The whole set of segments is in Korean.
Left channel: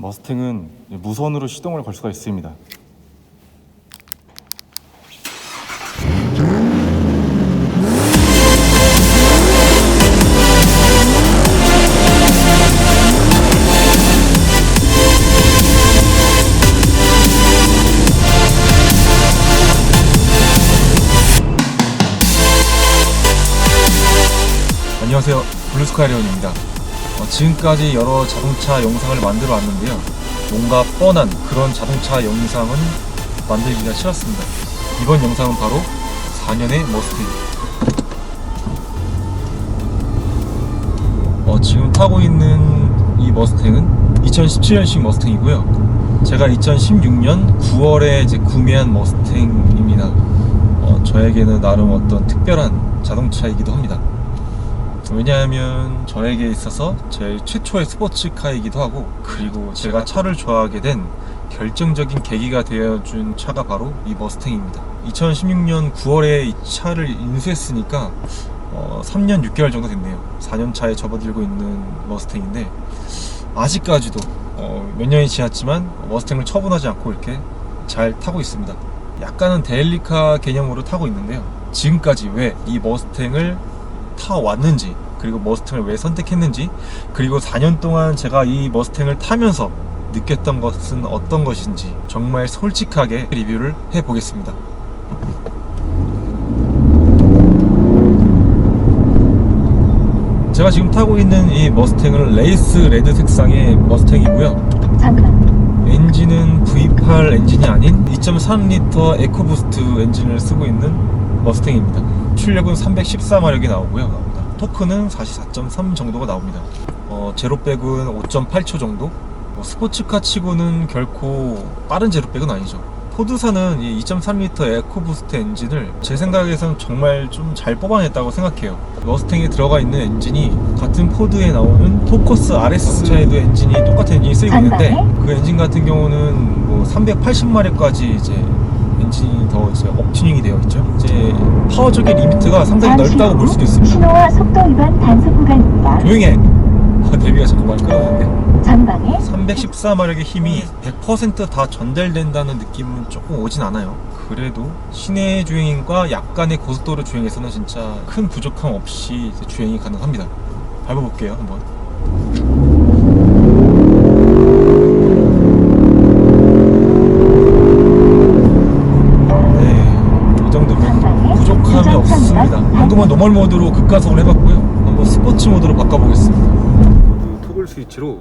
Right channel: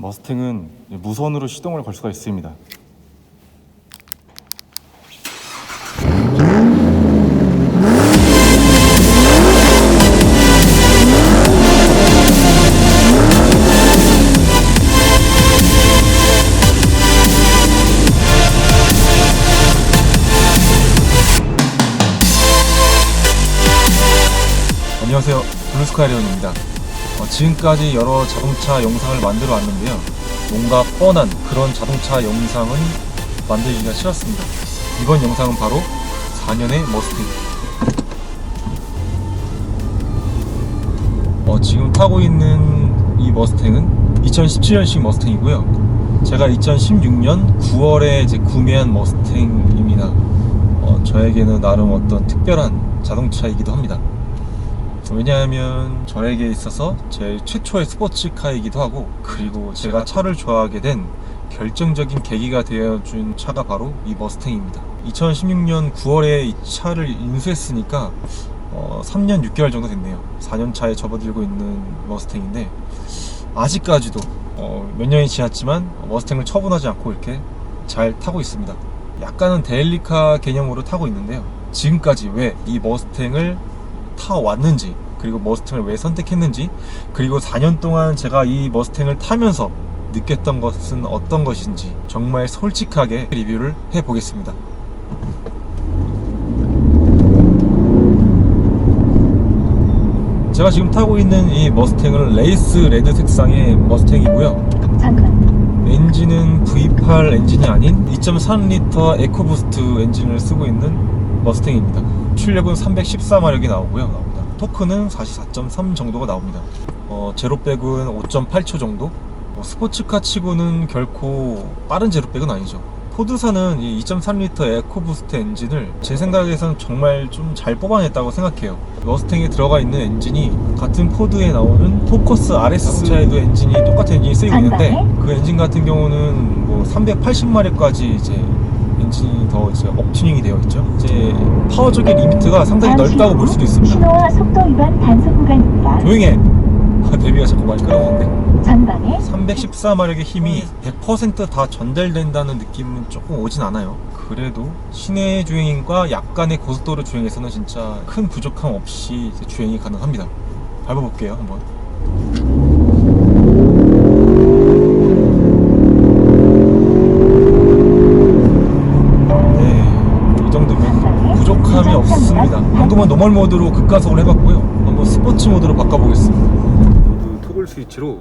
머스탱은 무선으로 시동을 걸 수가 있습니다. 안녕하세요, 블루스카이리온입니다. 지금까지 여러 자동차 영상을 만들어 왔는데요, 뭔가 뻔한 그런 자동차 영상은 만들기가 싫었습니다. 이번 영상은 바로 4년의 머스탱. 지금 타고 있는 이 머스탱은 2017년식 머스탱이고요, 제가 2016년 9월에 이제 구매한 머스탱입니다. 저에게는 나름 어떤 특별한 자동차이기도 합니다. 왜냐하면 저에게 있어서 제일 최초의 스포츠카이기도 하고, 그리고 제가 차를 좋아하게 된 결정적인 계기가 되어준 차가 바로 이 머스탱입니다. 2016년 9월에 이 차를 인수했으니까 3년 6개월 정도 됐네요. 4년 차에 접어들고 있는 머스탱인데, 아직까지도 몇 년이 지났지만 머스탱을 처분하지 않고 이렇게 잘 타고 있습니다. 약간은 데일리카 개념으로 타고 있는데요, 지금까지 왜 이 머스탱을 타왔는지, 그리고 머스탱을 왜 선택했는지, 그리고 4년 동안 제가 이 머스탱을 타면서 느꼈던 것은 어떤 것인지 정말 솔직하게 리뷰를 해보겠습니다. 제가 지금 타고 있는 이 머스탱은 레이스 레드 색상의 머스탱이고요, 엔진은 V8 엔진이 아닌 2.3L 에코부스트 엔진을 쓰고 있는 머스탱입니다. 출력은 314마력이 나오고요, 토크는 44.3 정도가 나옵니다. 제로백은 5.8초 정도? 스포츠카 치고는 결코 빠른 제로백은 아니죠. 포드사는 이 2.3L 에코부스트 엔진을 제 생각에선 정말 좀 잘 뽑아냈다고 생각해요. 머스탱에 들어가 있는 엔진이 같은 포드에 나오는 포커스 RS 차에도 엔진이 똑같은 엔진이 쓰이고 있는데, 그 엔진 같은 경우는 뭐 380마력까지 이제 엔진이 더 이제 업튜닝이 되어 있죠. 이제 파워적인 리미트가 상당히 넓다고 볼 수도 있습니다. 신호와 속도 위반 단속 구간입니다. 조용해! 데뷔가 자꾸 많이 끊어오는데, 전방에 314마력의 힘이 100% 다 전달된다는 느낌은 조금 오진 않아요. 그래도 시내 주행과 약간의 고속도로 주행에서는 진짜 큰 부족함 없이 이제 주행이 가능합니다. 밟아볼게요, 한번. 방금은 노멀 모드로 급가속을 해봤고요, 한번 스포츠 모드로 바꿔보겠습니다. 모두 토글 스위치로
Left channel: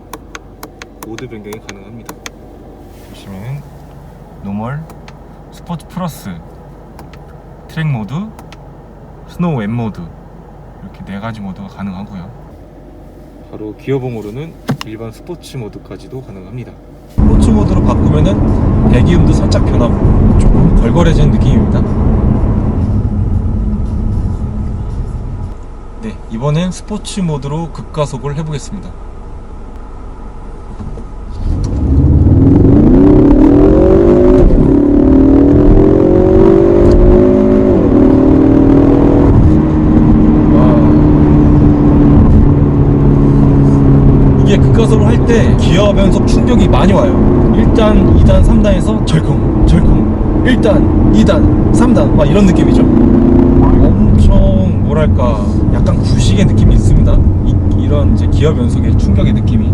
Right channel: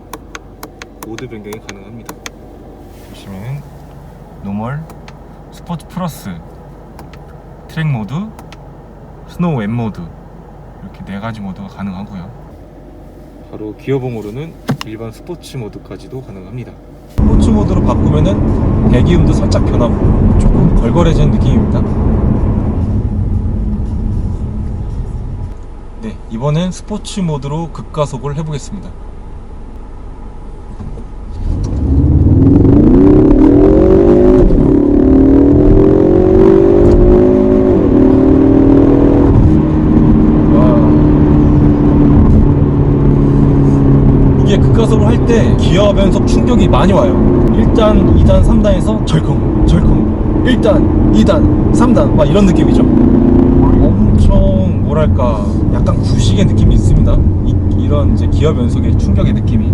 모드 변경이 가능합니다. 보시면 노멀, 스포츠 플러스, 트랙 모드, 스노우 웹 모드, 이렇게 4가지 모드가 가능하고요, 바로 기어봉으로는 일반 스포츠 모드까지도 가능합니다. 스포츠 모드로 바꾸면은 배기음도 살짝 변하고 조금 걸걸해지는 느낌입니다. 네, 이번엔 스포츠 모드로 급가속을 해보겠습니다. 이게 급가속을 할 때 기어 변속 충격이 많이 와요. 1단, 2단, 3단에서 절컹, 절컹, 1단, 2단, 3단 막 이런 느낌이죠. 엄청 뭐랄까, 약간 구식의 느낌이 있습니다. 이런 이제 기어 변속의 충격의 느낌이.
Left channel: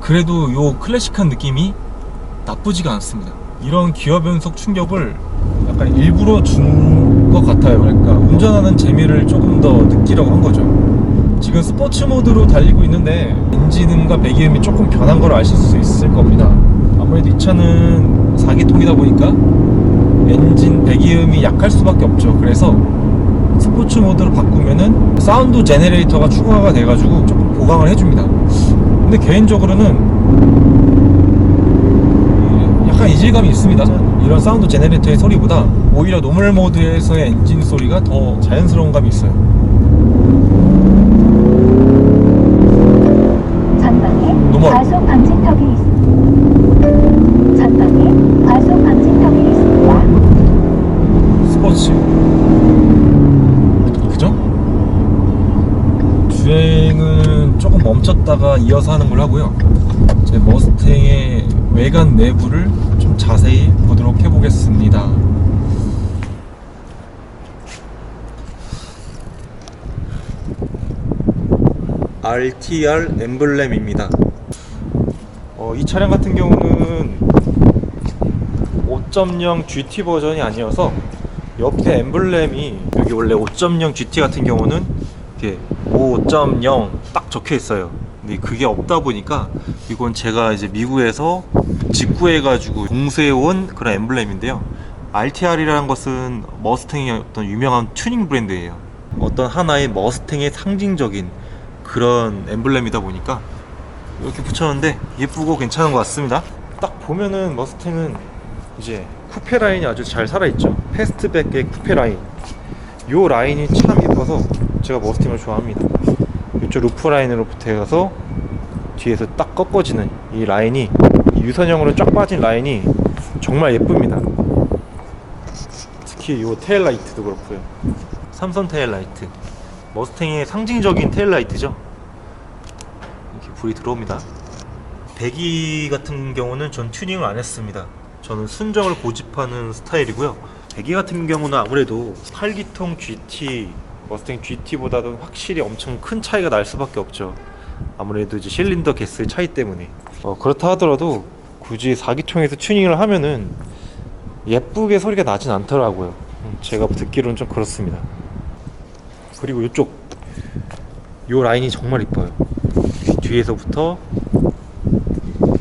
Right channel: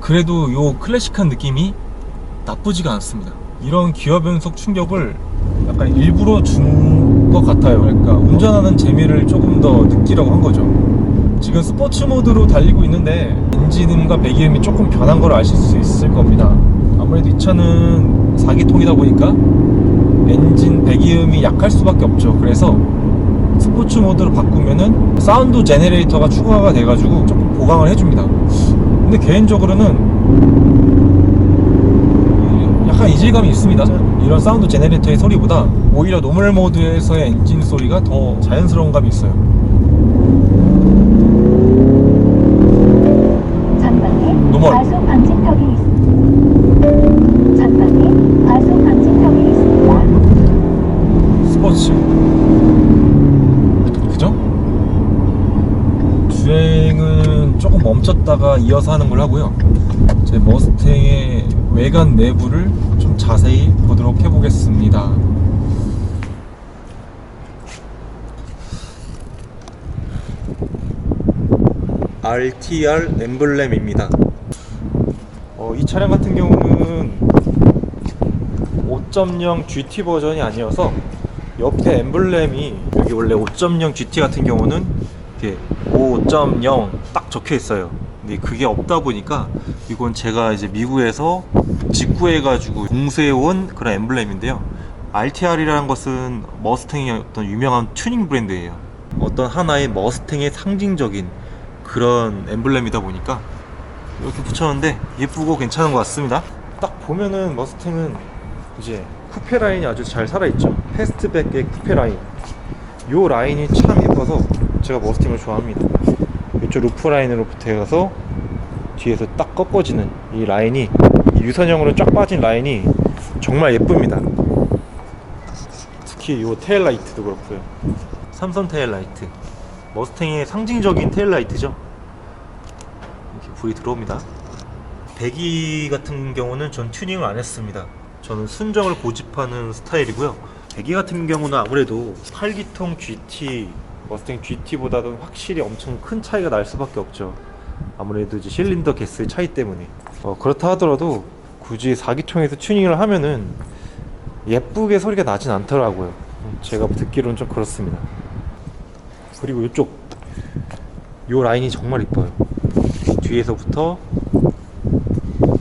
그래도 요 클래식한 느낌이 나쁘지가 않습니다. 이런 기어 변속 충격을 약간 일부러 준 것 같아요. 그러니까 운전하는 재미를 조금 더 느끼려고 한 거죠. 지금 스포츠 모드로 달리고 있는데 엔진음과 배기음이 조금 변한 걸 아실 수 있을 겁니다. 아무래도 이 차는 4기통이다 보니까 엔진 배기음이 약할 수밖에 없죠. 그래서 스포츠 모드로 바꾸면은 사운드 제네레이터가 추가가 돼가지고 조금 보강을 해줍니다. 근데 개인적으로는 약간 이질감이 있습니다. 이런 사운드 제네레이터의 소리보다 오히려 노멀 모드에서의 엔진 소리가 더 자연스러운 감이 있어요. 전방에 노멀. 과속 방지턱이 있습니다. 전방에 과속 방지턱이 있습니다. 스포츠, 그죠? 주행은 조금 멈췄다가 이어서 하는 걸 하고요. 제 머스탱의 외관 내부를 좀 자세히 보도록 해보겠습니다. RTR 엠블렘입니다. 이 차량 같은 경우는 5.0 GT 버전이 아니어서 옆에 엠블렘이, 여기 원래 5.0 GT 같은 경우는 이렇게 5.0 딱 적혀 있어요. 근데 그게 없다 보니까 이건 제가 이제 미국에서 직구해가지고 공수해온 그런 엠블렘인데요. RTR이라는 것은 머스탱의 어떤 유명한 튜닝 브랜드예요. 어떤 하나의 머스탱의 상징적인 그런 엠블렘이다 보니까 이렇게 붙였는데 예쁘고 괜찮은 것 같습니다. 딱 보면은 머스탱은 이제 쿠페 라인이 아주 잘 살아있죠. 패스트백의 쿠페 라인, 요 라인이 참 예뻐서 제가 머스탱을 좋아합니다. 이쪽 루프 라인으로부터 해서 뒤에서 딱 꺾어지는 이 라인이, 이 유선형으로 쫙 빠진 라인이 정말 예쁩니다. 특히 요 테일라이트도 그렇고요. 삼선 테일라이트, 머스탱의 상징적인 테일라이트죠. 이렇게 불이 들어옵니다. 배기 같은 경우는 전 튜닝을 안 했습니다. 저는 순정을 고집하는 스타일이고요. 배기 같은 경우는 아무래도 8기통 GT, 머스탱 GT보다는 확실히 엄청 큰 차이가 날 수밖에 없죠. 아무래도 이제 실린더 개수의 차이 때문에. 그렇다 하더라도 굳이 4기통에서 튜닝을 하면은 예쁘게 소리가 나진 않더라고요. 제가 듣기로는 좀 그렇습니다. 그리고 이쪽 요 라인이 정말 이뻐요. 뒤에서부터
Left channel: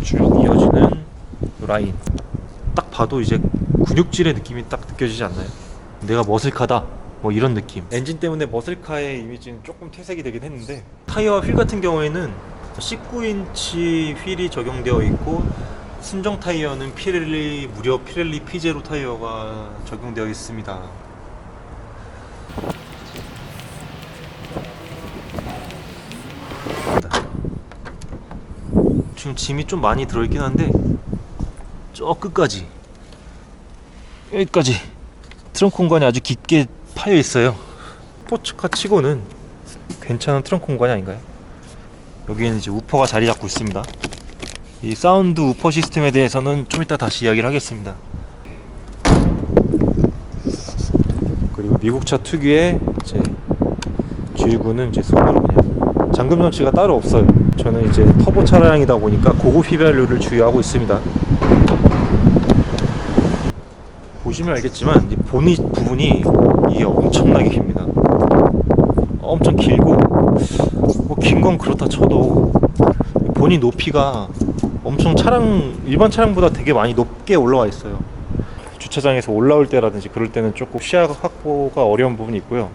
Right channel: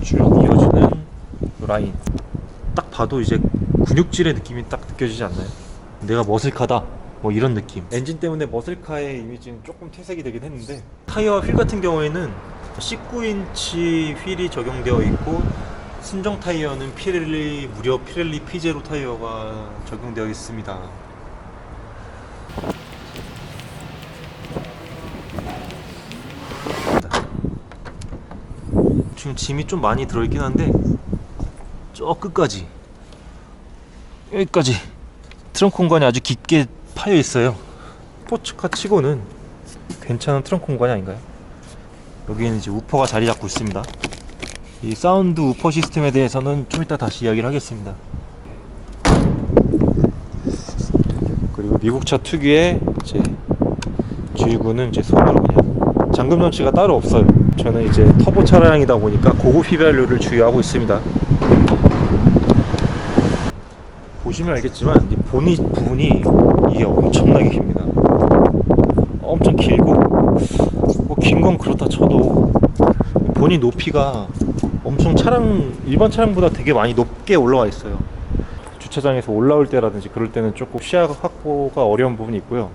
쭉 이어지는 요 라인, 딱 봐도 이제 근육질의 느낌이 딱 느껴지지 않나요? 내가 머슬카다, 뭐 이런 느낌. 엔진 때문에 머슬카의 이미지는 조금 퇴색이 되긴 했는데, 타이어 휠 같은 경우에는 19인치 휠이 적용되어 있고, 순정 타이어는 피렐리, 무려 피렐리 P0 타이어가 적용되어 있습니다. 지금 짐이 좀 많이 들어있긴 한데 저 끝까지, 여기까지 트렁크 공간이 아주 깊게 파여 있어요. 스포츠카 치고는 괜찮은 트렁크 공간이 아닌가요? 여기에는 이제 우퍼가 자리 잡고 있습니다. 이 사운드 우퍼 시스템에 대해서는 좀 이따 다시 이야기를 하겠습니다. 그리고 미국차 특유의 이제 주유구는 이제 손으로 그냥, 잠금 장치가 따로 없어요. 저는 이제 터보 차량이다 보니까 고급 휘발유를 주유하고 있습니다. 보시면 알겠지만 이 보닛 부분이 이게 엄청나게 깁니다. 엄청 길고, 뭐 긴 건 그렇다 쳐도 보닛 높이가 엄청 일반 차량보다 되게 많이 높게 올라와 있어요. 주차장에서 올라올 때라든지 그럴 때는 조금 시야 확보가 어려운 부분이 있고요.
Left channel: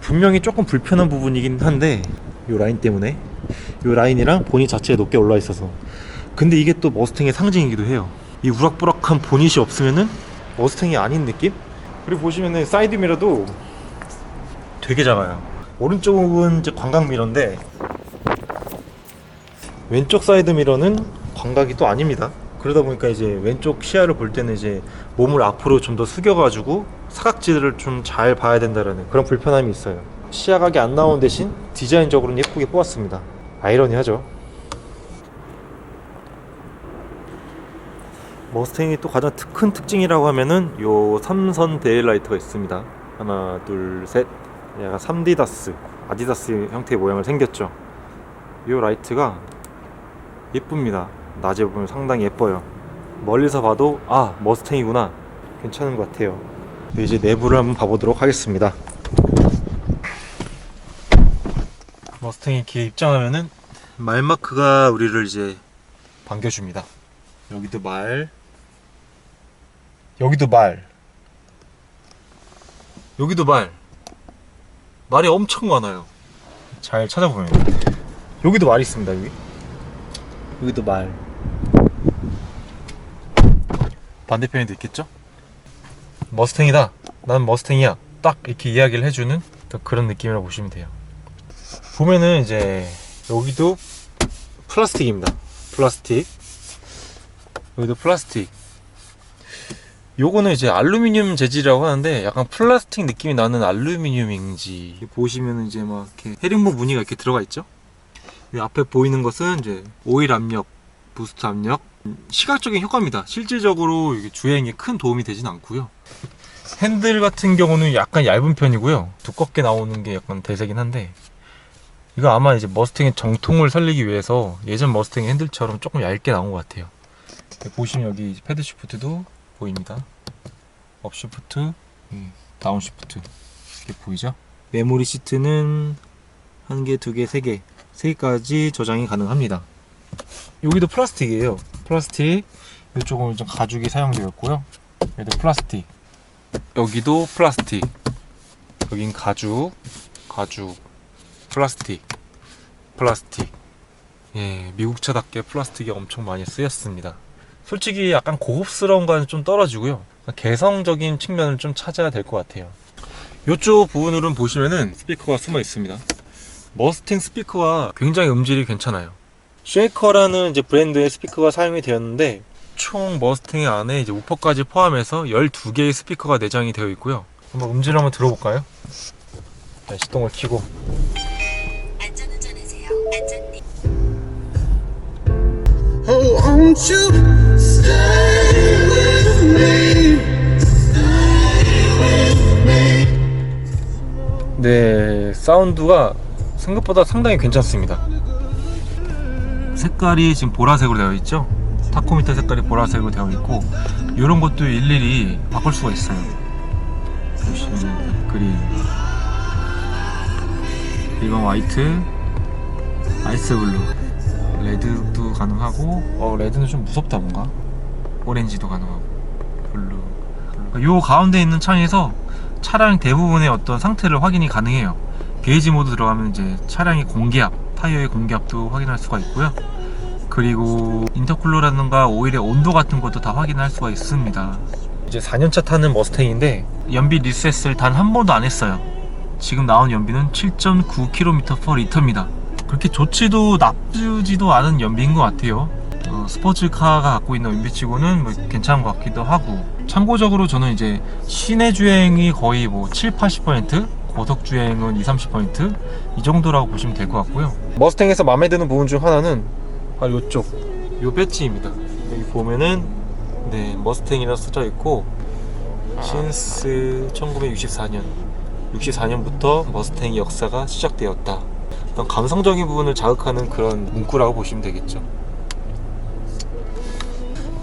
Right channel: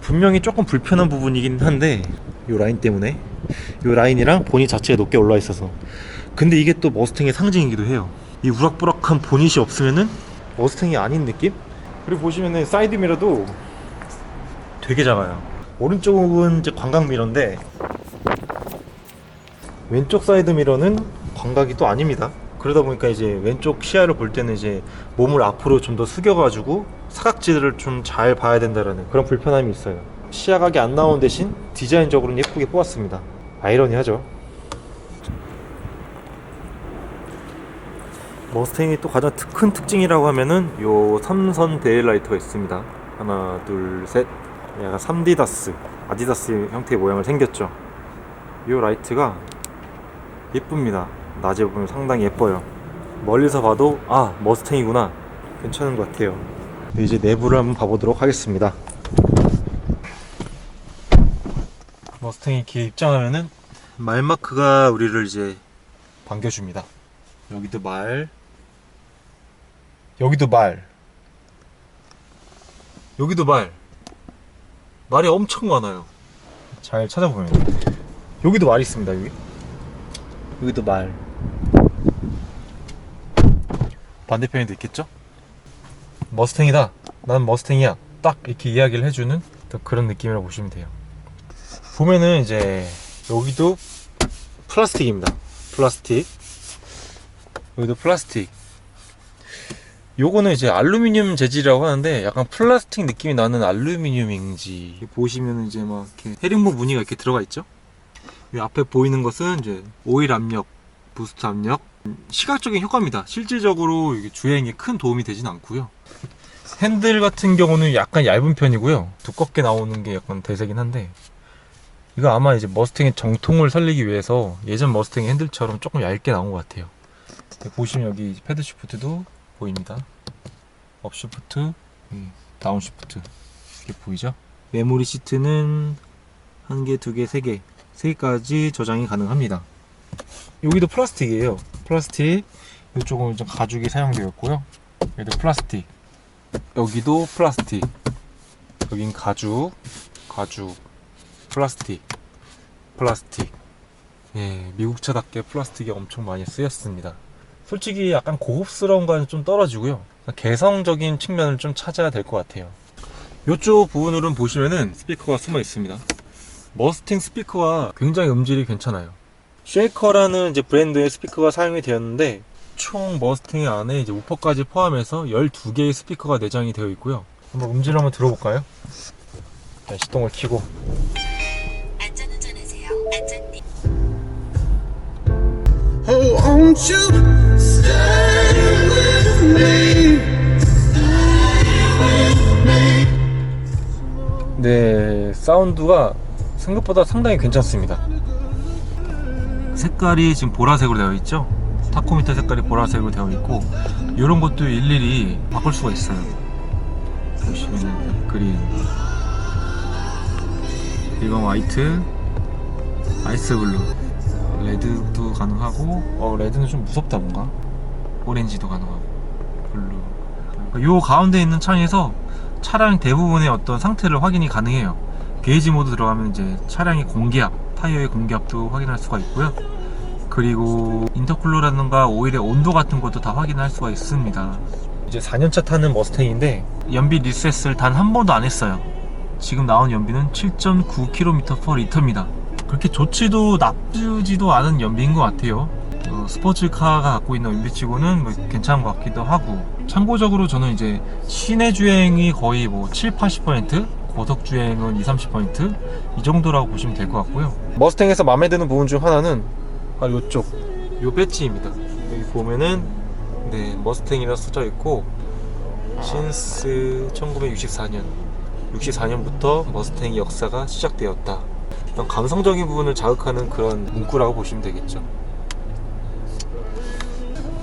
분명히 조금 불편한 부분이긴 한데, 이 라인 때문에, 이 라인이랑 보닛 자체가 높게 올라와 있어서. 근데 이게 또 머스탱의 상징이기도 해요. 이 우락부락한 보닛이 없으면은 머스탱이 아닌 느낌? 그리고 보시면은 사이드 미러도 되게 작아요. 오른쪽은 이제 광각 미러인데 왼쪽 사이드 미러는 광각이 또 아닙니다. 그러다 보니까 이제 왼쪽 시야를 볼 때는 이제 몸을 앞으로 좀 더 숙여가지고 사각지대를 좀 잘 봐야 된다라는 그런 불편함이 있어요. 시야각이 안 나온 대신 디자인적으로는 예쁘게 뽑았습니다. 아이러니하죠. 머스탱이 또 가장 큰 특징이라고 하면은 요 3선 데일라이트가 있습니다. 하나, 둘, 셋. 얘가 3디다스, 아디다스 형태의 모양을 생겼죠. 요 라이트가 예쁩니다. 낮에 보면 상당히 예뻐요. 멀리서 봐도 머스탱이구나, 괜찮은 것 같아요. 이제 내부를 한번 봐보도록 하겠습니다. 머스탱이 이렇게 입장하면은 말 마크가 우리를 이제 반겨줍니다. 여기도 말, 여기도 말, 여기도 말. 말이 엄청 많아요. 잘 찾아보면 여기도 말이 있습니다. 여기도 말. 반대편에도 있겠죠? 머스탱이다, 난 머스탱이야, 딱 이렇게 이야기를 해주는 또 그런 느낌이라고 보시면 돼요. 보면은 이제 여기도 플라스틱입니다. 플라스틱. 여기도 플라스틱. 요거는 이제 알루미늄 재질이라고 하는데 약간 플라스틱 느낌이 나는 알루미늄인지, 보시면은 이제 막 이렇게 헤링보 무늬가 이렇게 들어가 있죠? 이 앞에 보이는 것은 이제 오일 압력, 부스트 압력, 시각적인 효과입니다. 실질적으로 이게 주행에 큰 도움이 되진 않고요. 핸들 같은 경우는 약간 얇은 편이고요. 두껍게 나오는 게 약간 대세긴 한데, 이거 아마 이제 머스탱의 정통을 살리기 위해서 예전 머스탱의 핸들처럼 조금 얇게 나온 것 같아요. 보시면 여기 패드 시프트도 보입니다. 업 시프트, 다운 시프트 이렇게 보이죠? 메모리 시트는 1개, 2개, 3개 3개까지 저장이 가능합니다. 여기도 플라스틱이에요. 플라스틱. 이쪽은 좀 가죽이 사용되어 있고요. 여기도 플라스틱. 여기도 플라스틱. 여긴 가죽, 플라스틱. 예, 미국차답게 플라스틱이 엄청 많이 쓰였습니다. 솔직히 약간 고급스러운 거는 좀 떨어지고요. 개성적인 측면을 좀 찾아야 될 것 같아요. 이쪽 부분으로는 보시면은 스피커가 숨어 있습니다. 머스탱 스피커와 굉장히 음질이 괜찮아요. 쉐이커라는 이제 브랜드의 스피커가 사용이 되었는데, 총 머스탱 안에 이제 우퍼까지 포함해서 12개의 스피커가 내장이 되어 있고요. 한번 음질을 한번 들어볼까요? 자, 시동을 켜고. 안전운전하세요. 안전띠. Oh, won't you stay with me? 네, 사운드가 생각보다 상당히 괜찮습니다. 색깔이 지금 보라색으로 되어 있죠? 타코미터 색깔이 보라색으로 되어 있고, 이런 것도 일일이 바꿀 수가 있어요. 보시면 그린, 일반 화이트, 아이스 블루, 레드도 가능하고, 레드는 좀 무섭다 뭔가. 오렌지도 가능하고, 블루. 요 가운데 있는 창에서 차량 대부분의 어떤 상태를 확인이 가능해요. 게이지 모드 들어가면 이제 차량의 공기압, 타이어의 공기압도 확인할 수가 있고요. 그리고 인터쿨러라든가 오일의 온도 같은 것도 다 확인할 수가 있습니다. 이제 4년차 타는 머스탱인데 연비 리셋을 단 한 번도 안 했어요. 지금 나온 연비는 7.9km/L입니다. 그렇게 좋지도 나쁘지도 않은 연비인 것 같아요. 스포츠카가 갖고 있는 연비치고는 뭐 괜찮은 것 같기도 하고, 참고적으로 저는 이제 시내 주행이 거의 뭐 7-80%, 고속 주행은 20-30% 이 정도라고 보시면 될 것 같고요. 머스탱에서 마음에 드는 부분 중 하나는 바로 요쪽 요 배지입니다. 여기 보면은 네, 머스탱이라 써져 있고, 신스 1964년 64년부터 머스탱의 역사가 시작되었다. 그런 감성적인 부분을 자극하는 그런 문구라고 보시면 되겠죠.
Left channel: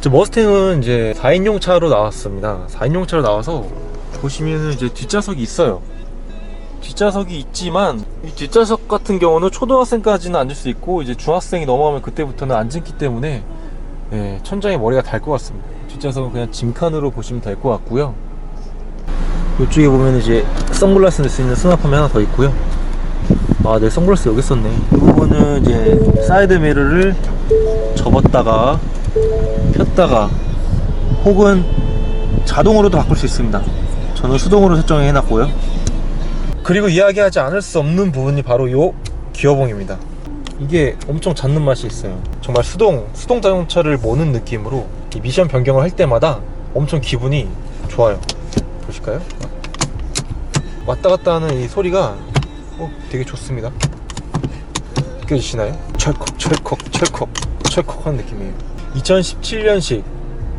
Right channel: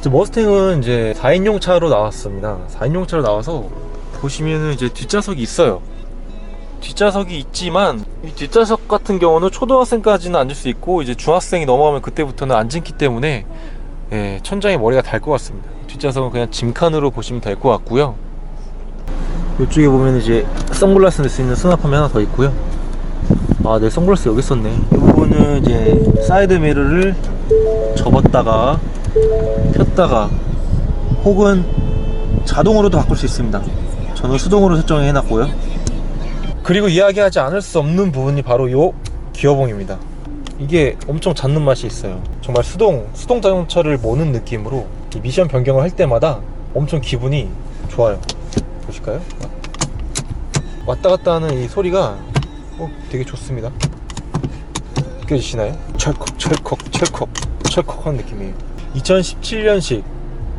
머스탱은 이제 4인용 차로 나왔습니다. 4인용 차로 나와서 보시면은 이제 뒷좌석이 있어요. 뒷좌석이 있지만 이 뒷좌석 같은 경우는 초등학생까지는 앉을 수 있고, 이제 중학생이 넘어가면 그때부터는 안 앉기 때문에 천장에 머리가 달 것 같습니다. 뒷좌석은 그냥 짐칸으로 보시면 될 것 같고요. 이쪽에 보면 이제 선글라스 넣을 수 있는 수납함이 하나 더 있고요. 아, 네, 선글라스 여기 있었네. 이 부분은 이제 사이드 미러를 접었다가 폈다가 혹은 자동으로도 바꿀 수 있습니다. 저는 수동으로 설정해 놨고요. 그리고 이야기하지 않을 수 없는 부분이 바로 요 기어봉입니다. 이게 엄청 잡는 맛이 있어요. 정말 수동 자동차를 모는 느낌으로 이 미션 변경을 할 때마다 엄청 기분이 좋아요. 보실까요? 왔다 갔다 하는 이 소리가 되게 좋습니다. 느껴지시나요? 철컥 하는 느낌이에요. 2017년식,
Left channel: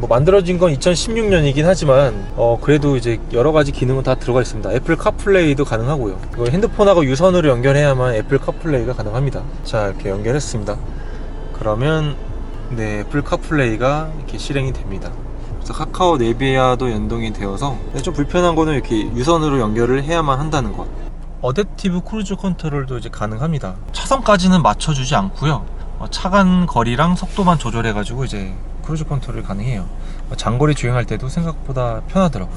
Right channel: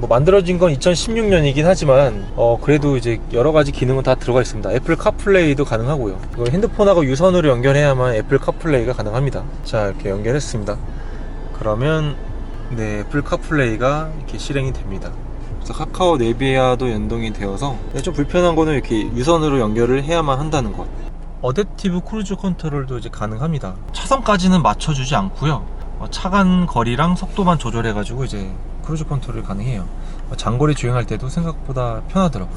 만들어진 건 2016년이긴 하지만 그래도 이제 여러가지 기능은 다 들어가 있습니다. 애플 카플레이도 가능하고요. 이걸 핸드폰하고 유선으로 연결해야만 애플 카플레이가 가능합니다. 자, 이렇게 연결했습니다. 그러면 네, 애플 카플레이가 이렇게 실행이 됩니다. 그래서 카카오 네비와도 연동이 되어서 좀 불편한 거는 이렇게 유선으로 연결을 해야만 한다는 것. 어댑티브 크루즈 컨트롤도 이제 가능합니다. 차선까지는 맞춰주지 않고요. 차간 거리랑 속도만 조절해가지고 이제 크루즈 컨트롤이 가능해요. 장거리 주행할 때도 생각보다 편하더라고요.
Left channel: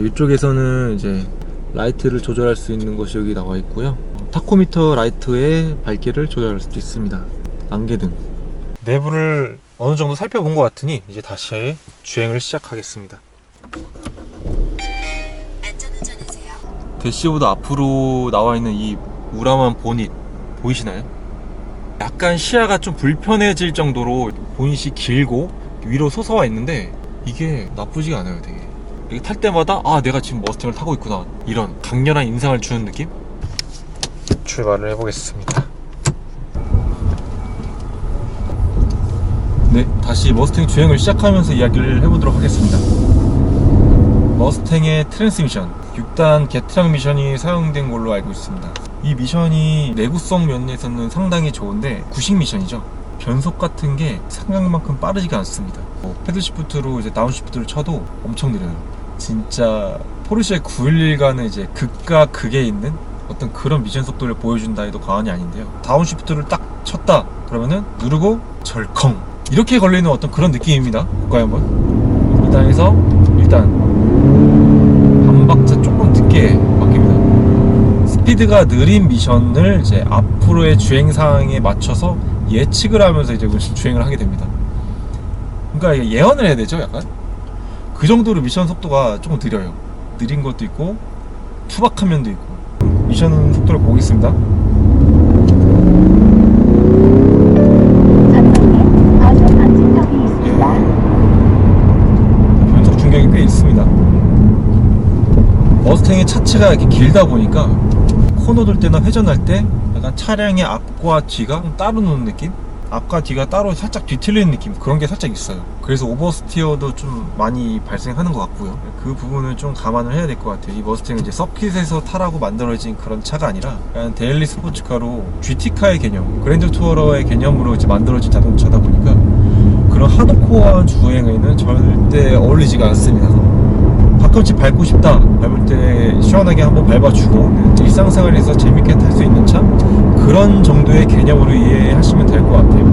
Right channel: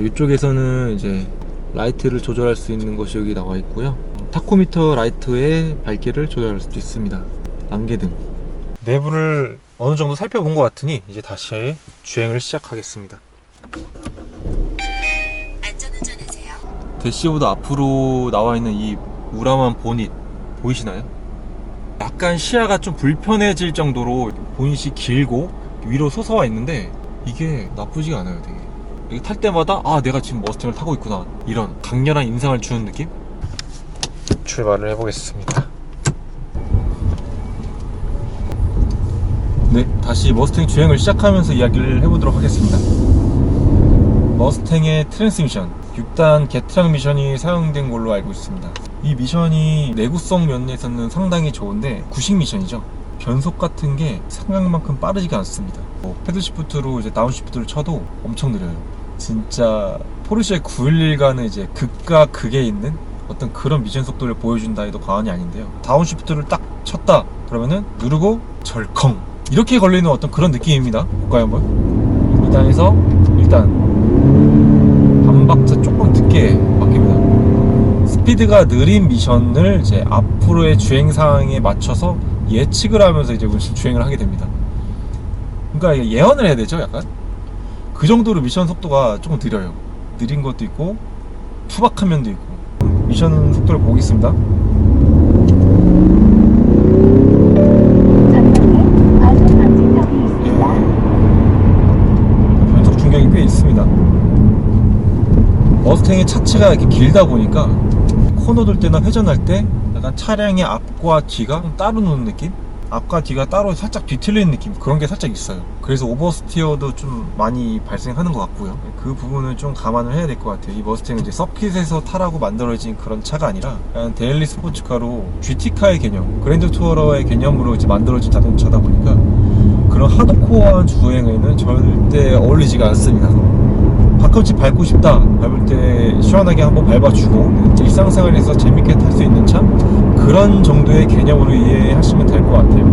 이쪽에서는 이제 라이트를 조절할 수 있는 것이 여기 나와 있고요. 타코미터 라이트의 밝기를 조절할 수도 있습니다. 안개등. 내부를 어느 정도 살펴본 것 같으니 이제 다시 주행을 시작하겠습니다. 안전운전하세요. 대시보드 앞으로 나와 있는 이 우람한 보닛 보이시나요? 약간 시야가 좀 불편해질 정도로 보닛이 길고 위로 솟아와 있는데 이게 나쁘지가 않아요. 되게 이게 탈 때마다 내가 지금 머스탱을 타고 있구나, 이런 강렬한 인상을 주는 느낌? 출발을 해보겠습니다. 네, 다시 머스탱 주행을 시작하면서 이야기를 해보도록 하겠습니다. 머스탱의 트랜스미션 6단 개트락 미션이 사용된 걸로 알고 있습니다. 이 미션이 내구성 면에서는 상당히 좋은데 구식 미션이죠. 변속 같은 게 생각만큼 빠르지가 않습니다. 패들 시프트로 이제 다운 시프트를 쳐도 엄청 느려요. 진짜 포르쉐 911과는 이제 극과 극에 있는 어떤 그런 미션 속도를 보여준다 해도 과언이 아닌데요. 다운 시프트를 딱 쳤다 그러면은 누르고 절컹 이렇게 걸리는 어떤 그런 느낌입니다. 볼까요 한번? 2단에서 1단 반박자 조금 늦게 바뀝니다. 스피드가 느린 미션을 이제 앞으로의 주행 상황에 맞춰서 예측을 하면서 이제 주행을 하게 됩니다. 그러니까 예언을 해야 되죠, 약간. 그 정도로 미션 속도가 조금 느려요. 느린 것도 있고 투박한 면도 있고. 미션 속도를 보겠습니다. 전방에 과속 방지턱이 있습니다. 변속 충격이 꽤 있습니다. 머스탱의 차체가 이렇게 길다 보니까 코너 돌 때나 회전할 때 약간 차량의 앞과 뒤가 따로 노는 느낌? 앞과 뒤가 따로 살짝 뒤틀리는 느낌, 그런 게 살짝 있어요. 그래서 오버스티어도 좀 많이 발생하는 것 같고요. 그 부분을 좀 감안을 해야 될 것 같아요. 이 머스탱은 이제 서킷에서 타라고 만들어진 그런 차가 아니라 그냥 데일리 스포츠카로 GT카의 개념, 그랜드 투어러의 개념으로 이제 만들어진 자동차다 보니까 그런 하드코어한 주행에는 절대 어울리지가 않습니다. 가끔씩 밟고 싶다, 밟을 때 시원하게 한번 밟아주고 일상생활에서 재밌게 탈 수 있는 차, 그런 정도의 개념으로 이해하시면 될 것 같아요.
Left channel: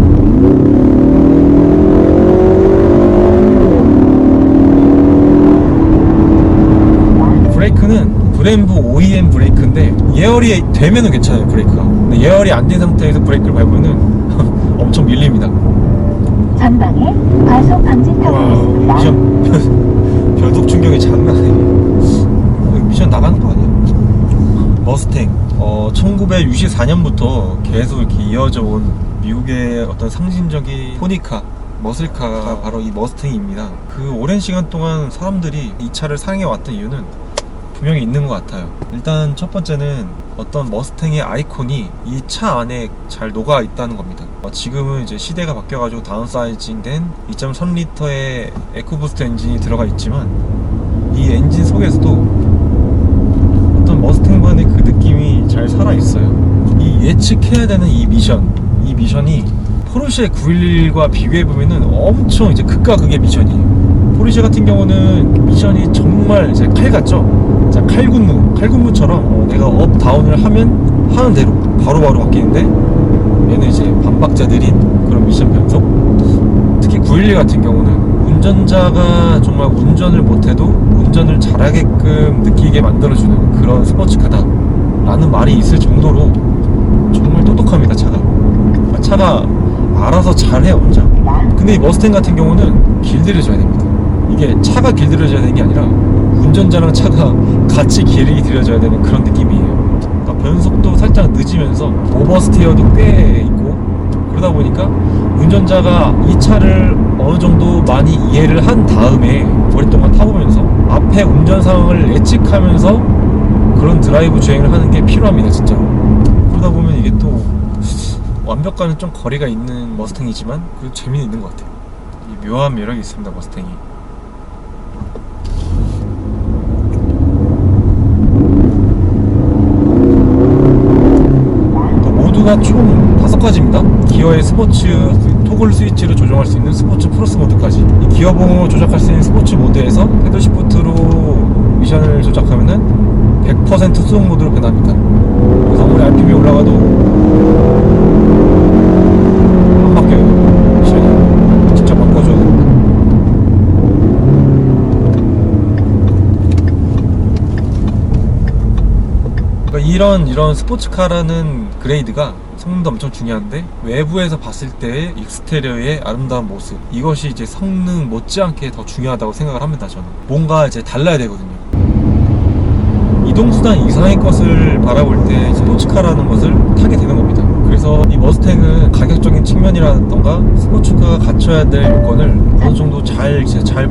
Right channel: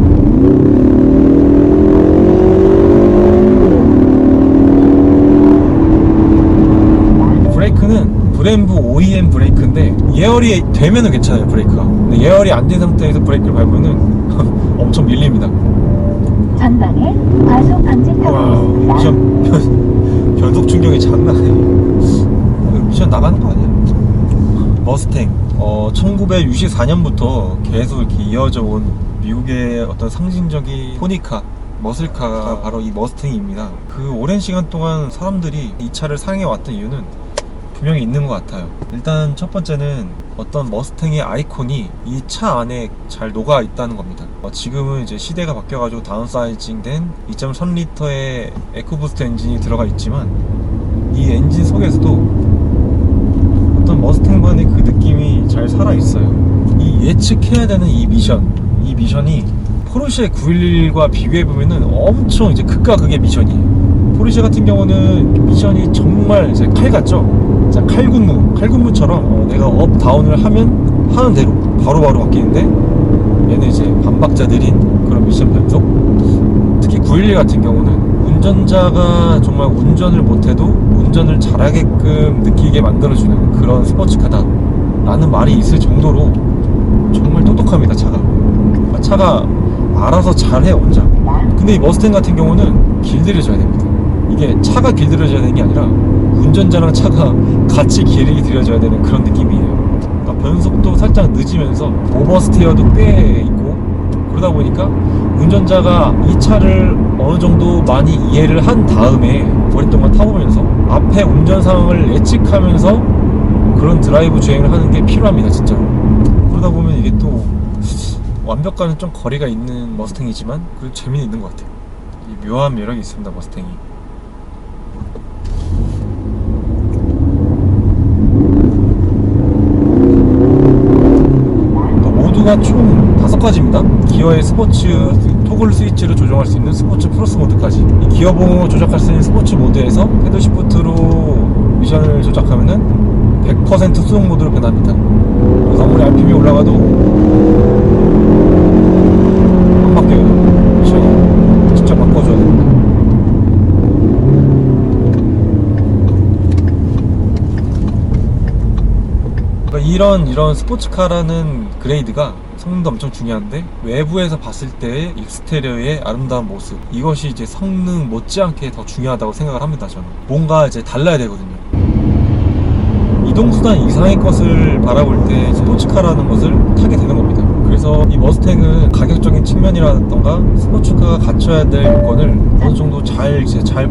브레이크는 브렘보 OEM 브레이크인데 예열이 되면은 괜찮아요. 브레이크가. 근데 예열이 안 된 상태에서 브레이크를 밟으면은 엄청 밀립니다. 전방에 과속 방지턱이 있습니다. 미션 변속 충격이 장난 아니에요. 미션 나가는 거 아니야? 머스탱 1964년부터 계속 이렇게 이어져 온 미국의 어떤 상징적인 토니카, 머슬카가 바로 이 머스탱입니다. 그 오랜 시간 동안 사람들이 이 차를 사랑해왔던 이유는 분명히 있는 것 같아요. 일단 첫 번째는 어떤 머스탱의 아이콘이 이 차 안에 잘 녹아 있다는 겁니다. 지금은 이제 시대가 바뀌어가지고 다운사이징된 2.3L의 에코부스트 엔진이 들어가 있지만 이 엔진 속에서도 어떤 머스탱만의 그 느낌이 잘 살아있어요. 이 예측해야 되는 이 미션이 포르쉐 911과 비교해보면은 엄청 이제 극과 극의 미션이에요. 포르쉐 같은 경우는 미션이 정말 이제 칼 같죠? 자, 칼군무처럼 내가 업, 다운을 하면 하는 대로 바로바로 바뀌는데 얘는 이제 반박자 느린 그런 미션 변속. 특히 911 같은 경우는 운전자가 정말 운전을 못해도 운전을 잘하게끔 느끼게 만들어주는 그런 스포츠카다 라는 말이 있을 정도로 정말 똑똑합니다. 차가 알아서 잘해요 혼자. 근데 이 머스탱 같은 경우는 길들여져야 됩니다. 이게 차가 길들여져야 되는 게 아니라 운전자랑 차가 같이 길들여져야 되는 그런 느낌이에요. 그러니까 변속도 살짝 늦으면서 오버스테어도 꽤 있고, 그러다 보니까 운전자가 이 차를 어느 정도 많이 이해를 한 다음에 오랫동안 타보면서 앞에 운전 상황을 예측하면서 그런 드라이브 주행을 하는 게 필요합니다. 진짜로. 그러다 보면 이게 또 완벽과는 좀 거리가 있는 머스탱이지만 그 재미는 있는 것 같아요. 이 묘한 매력이 있습니다. 머스탱이. 모드가 총 5가지입니다. 기어의 스포츠 토글 스위치를 조정할 수 있는 스포츠 플러스 모드까지. 이 기어 봉을 조작할 수 있는 스포츠 모드에서 패들 시프트로 미션을 조작하면은 100% 수동 모드로 변합니다. 그래서 아무리 RPM이 올라가도 안 바뀌어요. 미션이 직접 바꿔줘야 됩니다. 그러니까 이런 스포츠카라는 그레이드가 성능도 엄청 중요한데 외부에서 봤을 때의 익스테리어의 아름다운 모습, 이것이 이제 성능 못지않게 더 중요하다고 생각을 합니다. 저는 뭔가 이제 달라야 되거든요. 이동수단 이상의 것을 바라볼 때 스포츠카라는 것을 타게 되는 겁니다. 그래서 이 머스탱은 가격적인 측면이라던가 스포츠카가 갖춰야 될 요건을 어느 정도 잘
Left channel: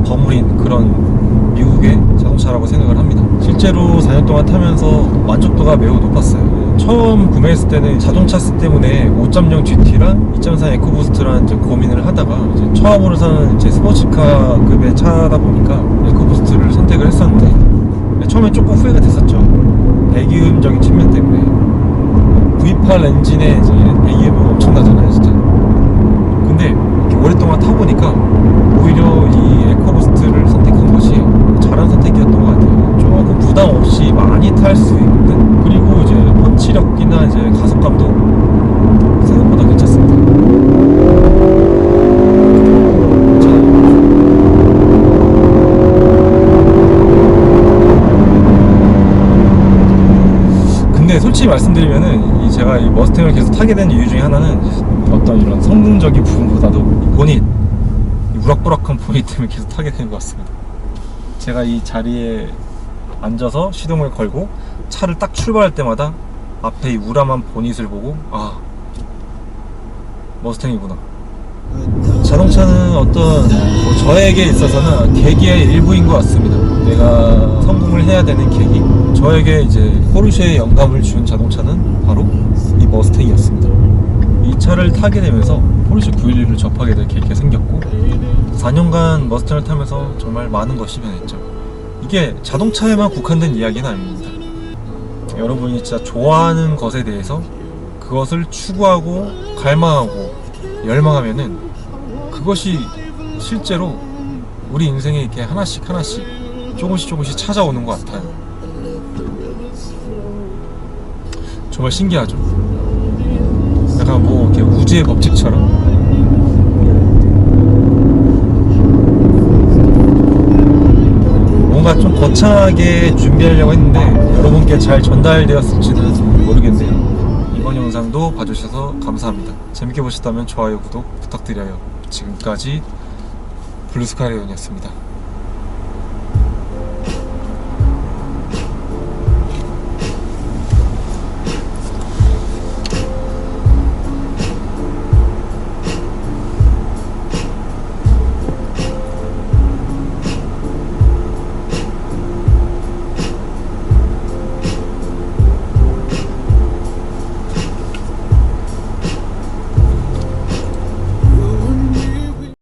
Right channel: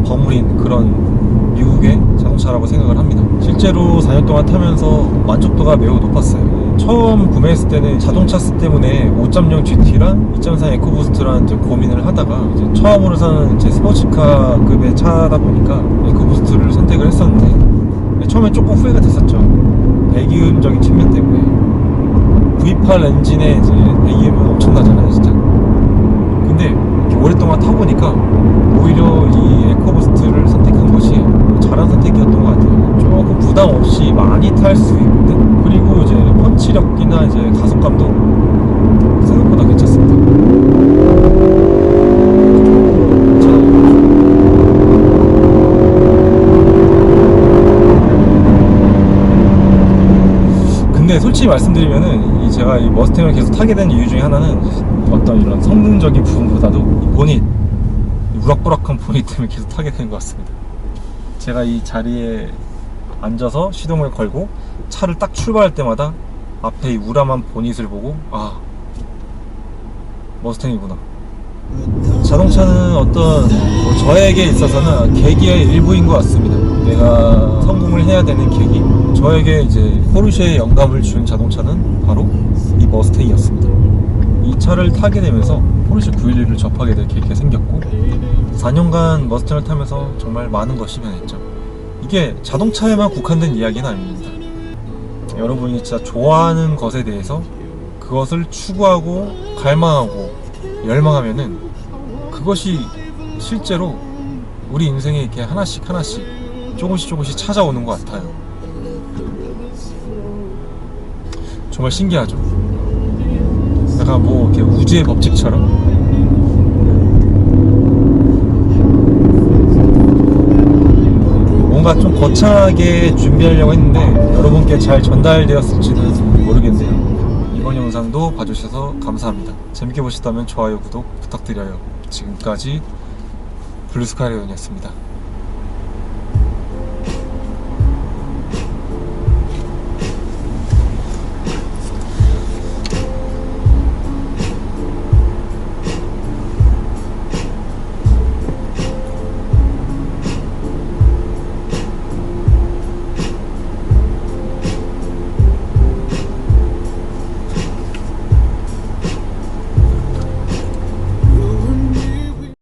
버무린 그런 미국의 자동차라고 생각을 합니다. 실제로 4년 동안 타면서 만족도가 매우 높았어요. 처음 구매했을 때는 자동차 때문에 5.0 GT랑 2.4 에코부스트랑 이제 고민을 하다가 이제 처음으로 사는 이제 스포츠카급의 차다 보니까 에코부스트를 선택을 했었는데 처음에 조금 후회가 됐었죠. 배기음적인 측면 때문에. V8 엔진에 이제 배기음은 엄청나잖아요, 진짜. 근데 이렇게 오랫동안 타보니까 오히려 이 에코부스트를 선택한 것이 잘한 선택이었던 것 같아요. 조금 부담 없이 많이 탈 수 있는, 그리고 이제 펀치력이나 이제 가속감도 생각보다 괜찮습니다. 괜찮아요. 근데 솔직히 말씀드리면은 제가 이 머스탱을 계속 타게 된 이유 중에 하나는 어떤 이런 성능적인 부분보다도 이 보닛, 이 우락부락한 보닛 때문에 계속 타게 된 것 같습니다. 제가 이 자리에 앉아서 시동을 걸고 차를 딱 출발할 때마다 앞에 이 우람한 보닛을 보고 아, 머스탱이구나. 자동차는 어떤 저에게 있어서는 계기의 일부인 것 같습니다. 내가 성공을 해야 되는 계기. 저에게 이제 포르쉐의 영감을 준 자동차는 바로 이 머스탱이었습니다. 이 차를 타게 되면서 포르쉐 911을 접하게 될 계기가 생겼고 4년간 머스탱을 타면서 정말 많은 것이 변했죠. 이게 자동차에만 국한된 이야기는 아닙니다. 여러분이 진짜 좋아하는 것에 대해서 그것을 추구하고 갈망하고 열망하면은 그것이 실제로 우리 인생에 이렇게 하나씩 하나씩 조금씩 찾아오는 것 같아요. 정말 신기하죠. 약간 뭐 이렇게 우주의 법칙처럼. 뭔가 좀 거창하게 준비하려고 했는데 여러분께 잘 전달되었을지는 모르겠네요. 이번 영상도 봐주셔서 감사합니다. 재밌게 보셨다면 좋아요, 구독 부탁드려요. 지금까지 블루스카이온이었습니다.